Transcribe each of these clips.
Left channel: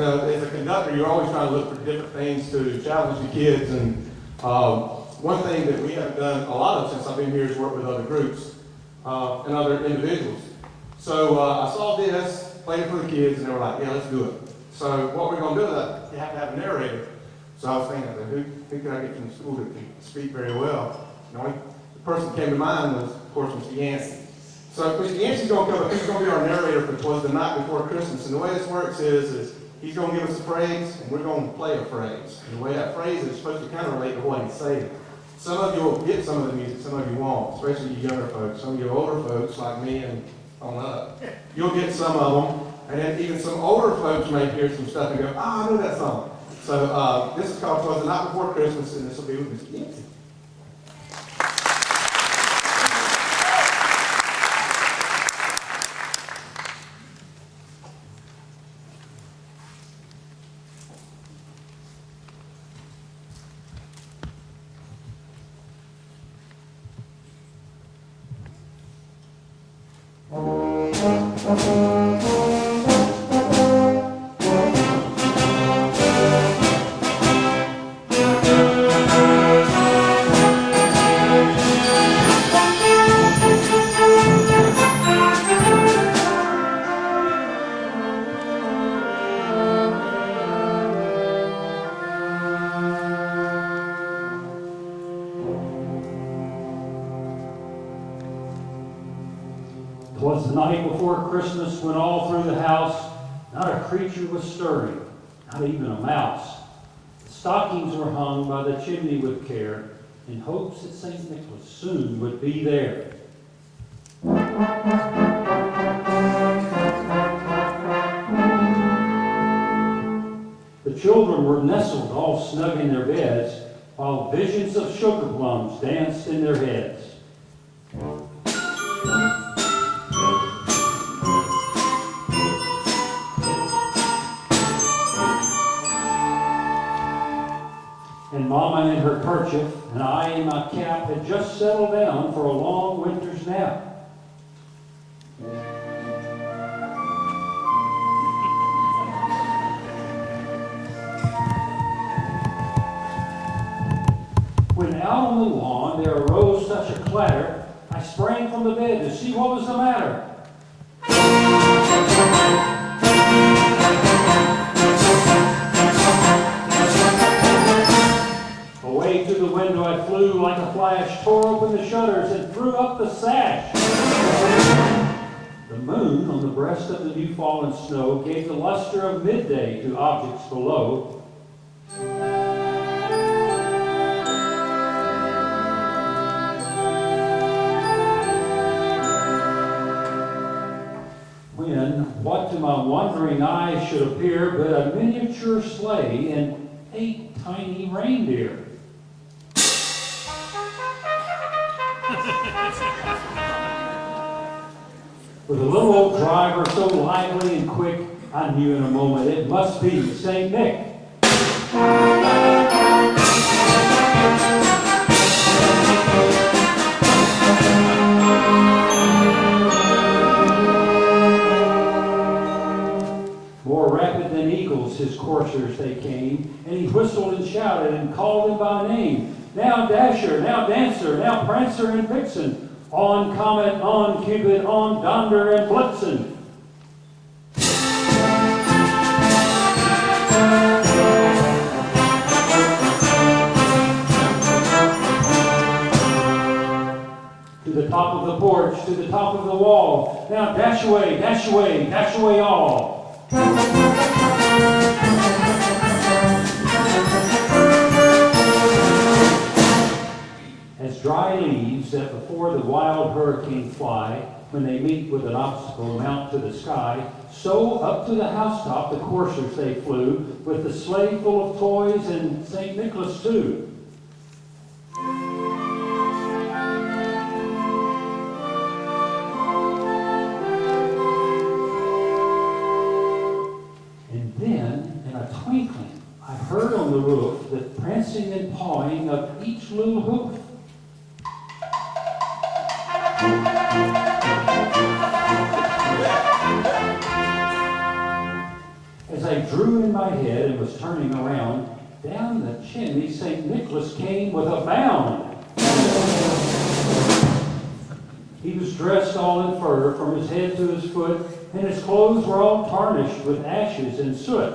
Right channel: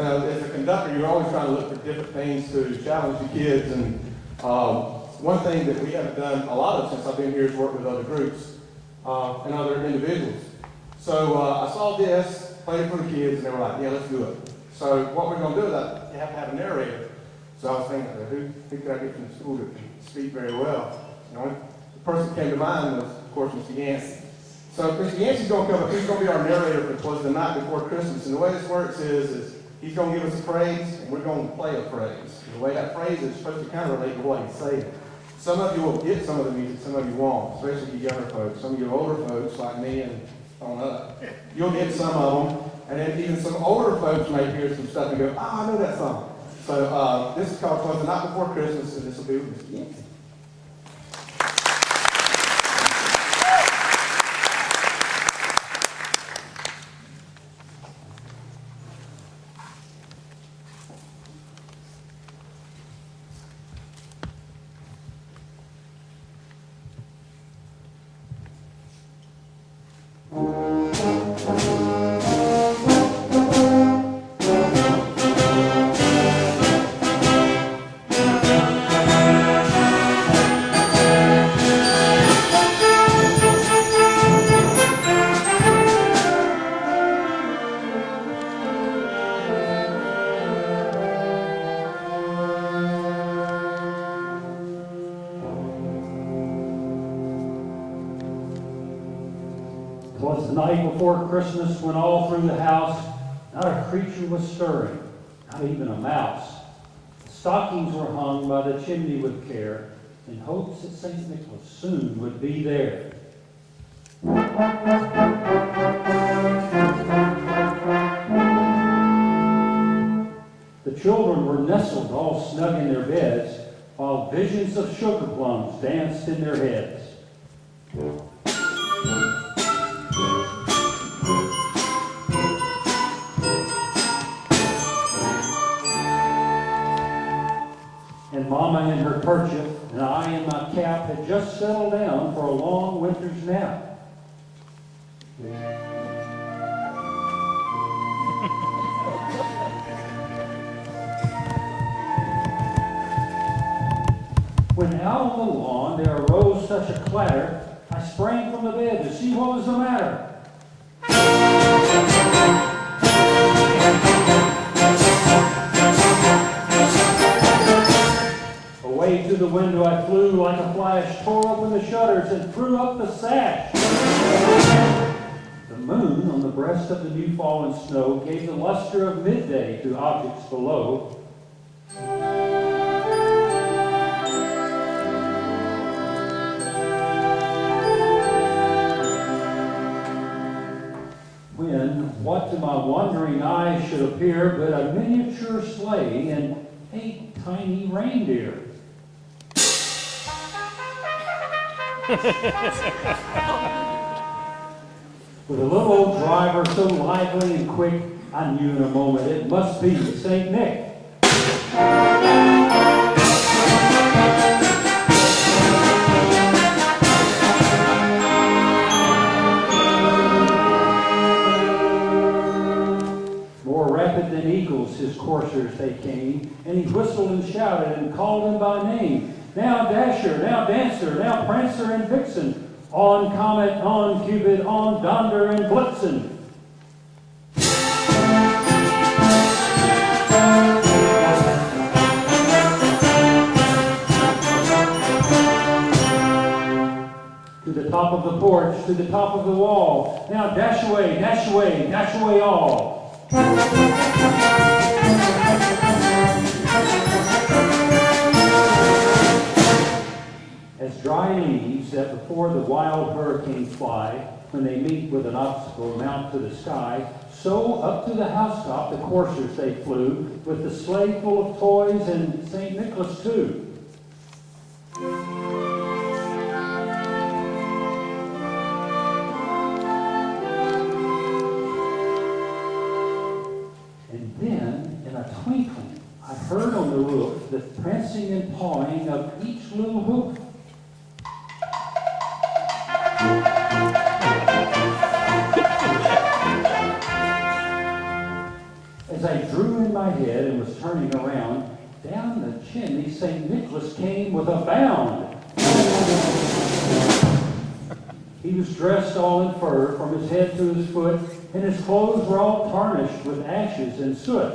As a conductor, you're always trying to look for different things to challenge the kids. And one thing that we haven't done a lot of since I've been here is work with other groups and other individuals. So I saw this, played it for the kids, and they were like, yeah, let's do it. So what we're going to do is you have to have a narrator. So I was thinking, who could I get from school that can speak very well? The only person that came to mind was, of course, Mr. Yancy. So Mr. Yancy's going to come up. He's going to be our narrator for Twas the Night before Christmas. And the way this works is he's going to give us a phrase, and we're going to play a phrase. And the way that phrase is supposed to kind of relate to what he's saying. Some of you will get some of the music, some of you won't, especially you younger folks. Some of you older folks, like me and on up, you'll get some of them. And then even some older folks may hear some stuff and go, I know that song. So this is called Twas the Night Before Christmas, and this will be with Mr. Yancy. Twas the night before Christmas when all through the house not a creature was stirring, not even a mouse. The stockings were hung by the chimney with care, in hopes that St. Nicholas soon would be there. The children were nestled all snug in their beds, while visions of sugar plums danced in their heads. And Mama in her kerchief and I in my cap had just settled down for a long winter's nap. When out on the lawn there arose such a clatter, I sprang from the bed to see what was the matter. Away to the window I flew like a flash, tore open the shutters and threw up the sash. The moon on the breast of the new fallen snow gave the luster of midday to objects below. When, what to my wondering eyes should appear but a miniature sleigh and 8 tiny reindeer. With a little old driver so lively and quick, I knew in a moment it must be St. Nick. More rapid than eagles his coursers they came, and he whistled and shouted and called them by name. Now Dasher, now Dancer, now Prancer and Vixen, on Comet, on Cupid, on Donder and Blitzen. To the top of the porch, to the top of the wall, now dash away, dash away, dash away all. As dry leaves that before the wild hurricanes fly, when they meet with an obstacle mount to the sky, so up to the housetop the coursers they flew, with the sleigh full of toys and St. Nicholas too. And then, in a twinkling, I heard on the roof the prancing and pawing of each little hoof. As I drew in my head and was turning around, down the chimney St. Nicholas came with a bound. He was dressed all in fur from his head to his foot, and his clothes were all tarnished with ashes and soot.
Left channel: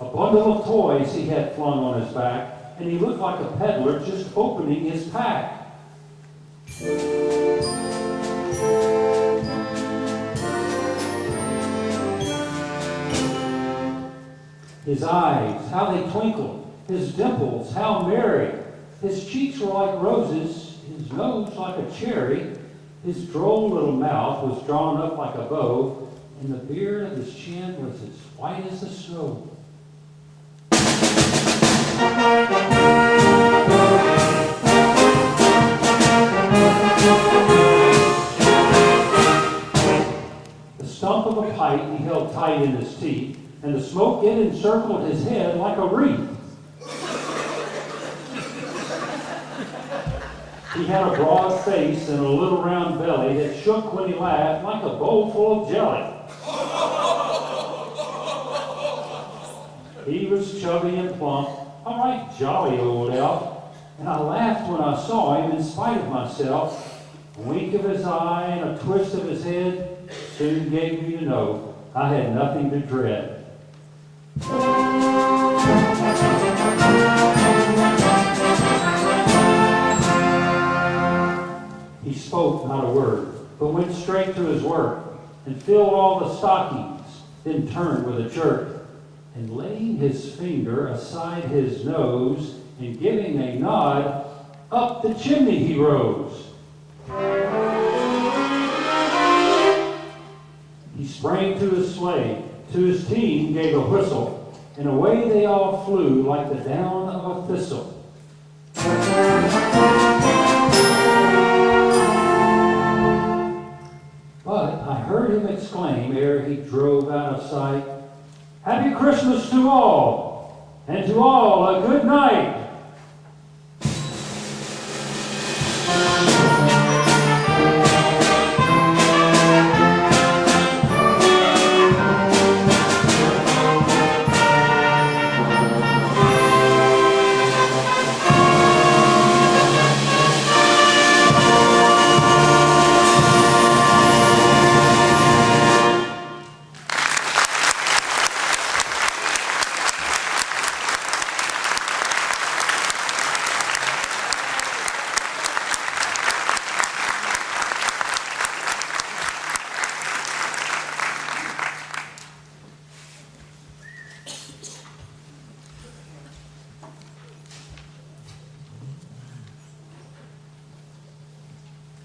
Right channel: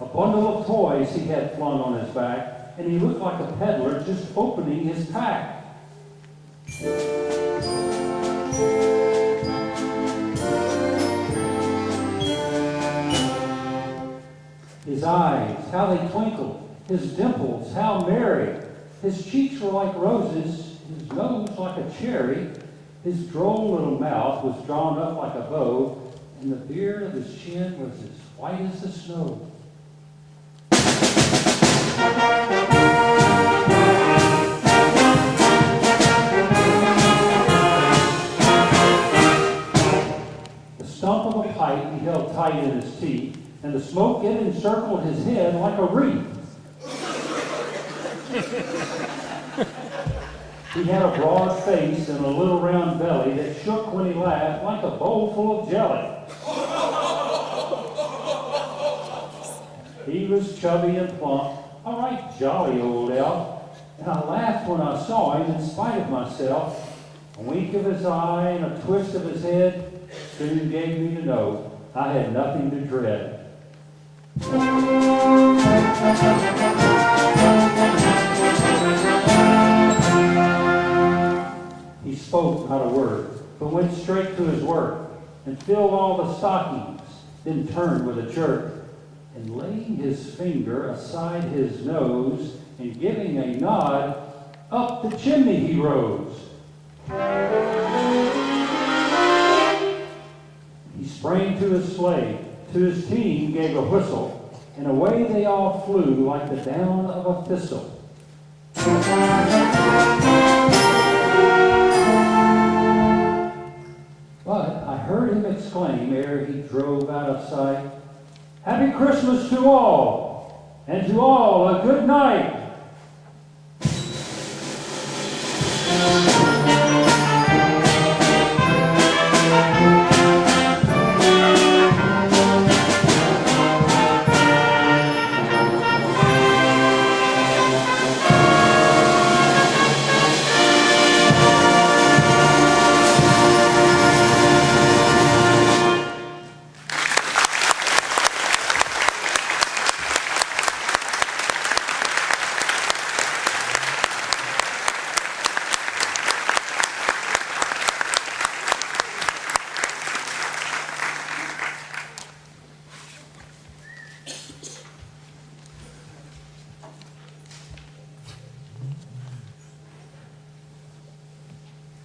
A bundle of toys he had flung on his back, and he looked like a peddler just opening his pack. His eyes, how they twinkled, his dimples, how merry. His cheeks were like roses, his nose like a cherry. His droll little mouth was drawn up like a bow, and the beard of his chin was as white as the snow. The stump of a pipe he held tight in his teeth, and the smoke it encircled his head like a wreath. He had a broad face and a little round belly that shook when he laughed like a bowl full of jelly. He was chubby and plump, a right jolly old elf, and I laughed when I saw him in spite of myself. A wink of his eye and a twist of his head soon gave me to know I had nothing to dread. He spoke not a word, but went straight to his work, and filled all the stockings, then turned with a jerk, and laying his finger aside his nose, and giving a nod, up the chimney he rose. He sprang to his sleigh, to his team gave a whistle, and away they all flew like the down of a thistle. But I heard him exclaim ere he drove out of sight, "Happy Christmas to all, and to all a good night."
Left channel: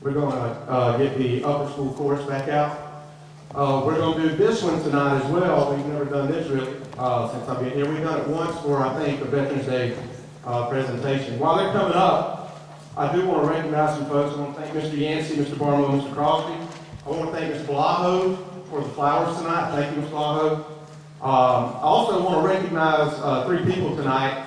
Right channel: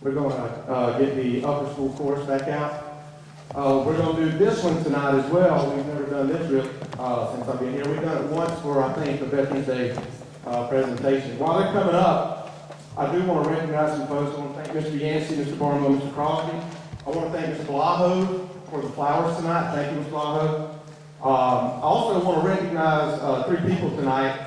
We're going to get the upper school chorus back out. We're going to do this one tonight as well. We've never done this really since I've been here. We've done it once for, I think, the Veterans Day presentation. While they're coming up, I do want to recognize some folks. I want to thank Mr. Yancy, Mr. Barlow, Mr. Crosby. I want to thank Mr. Blaho for the flowers tonight. Thank you, Mr. Blaho. I also want to recognize 3 people tonight.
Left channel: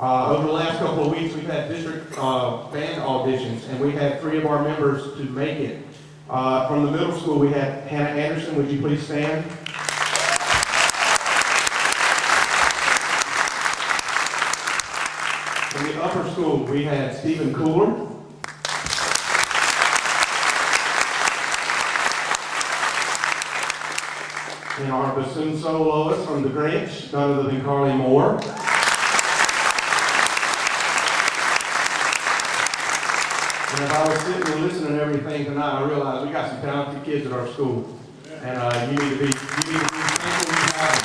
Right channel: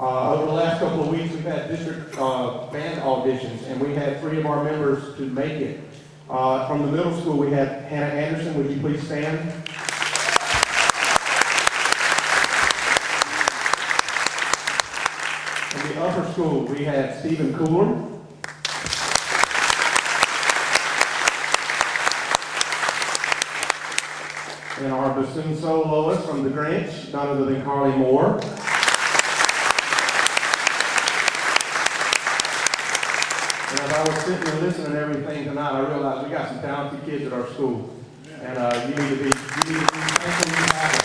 Over the last couple of weeks, we've had district band auditions, and we had 3 of our members to make it. From the middle school, we had Hannah Anderson. Would you please stand? From the upper school, we had Stephen Cooler. And our bassoon soloist from the Grinch, none other than Carly Moore. And as I was sitting and listening to everything tonight, I realized we got some talented kids at our school. And you need to be thankful and proud.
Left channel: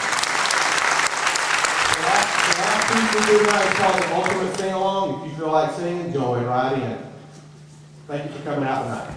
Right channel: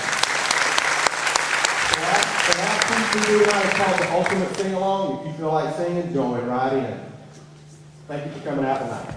The last piece we're doing tonight is called the Ultimate Sing Along. If you feel like singing, join right in. Thank you for coming out tonight.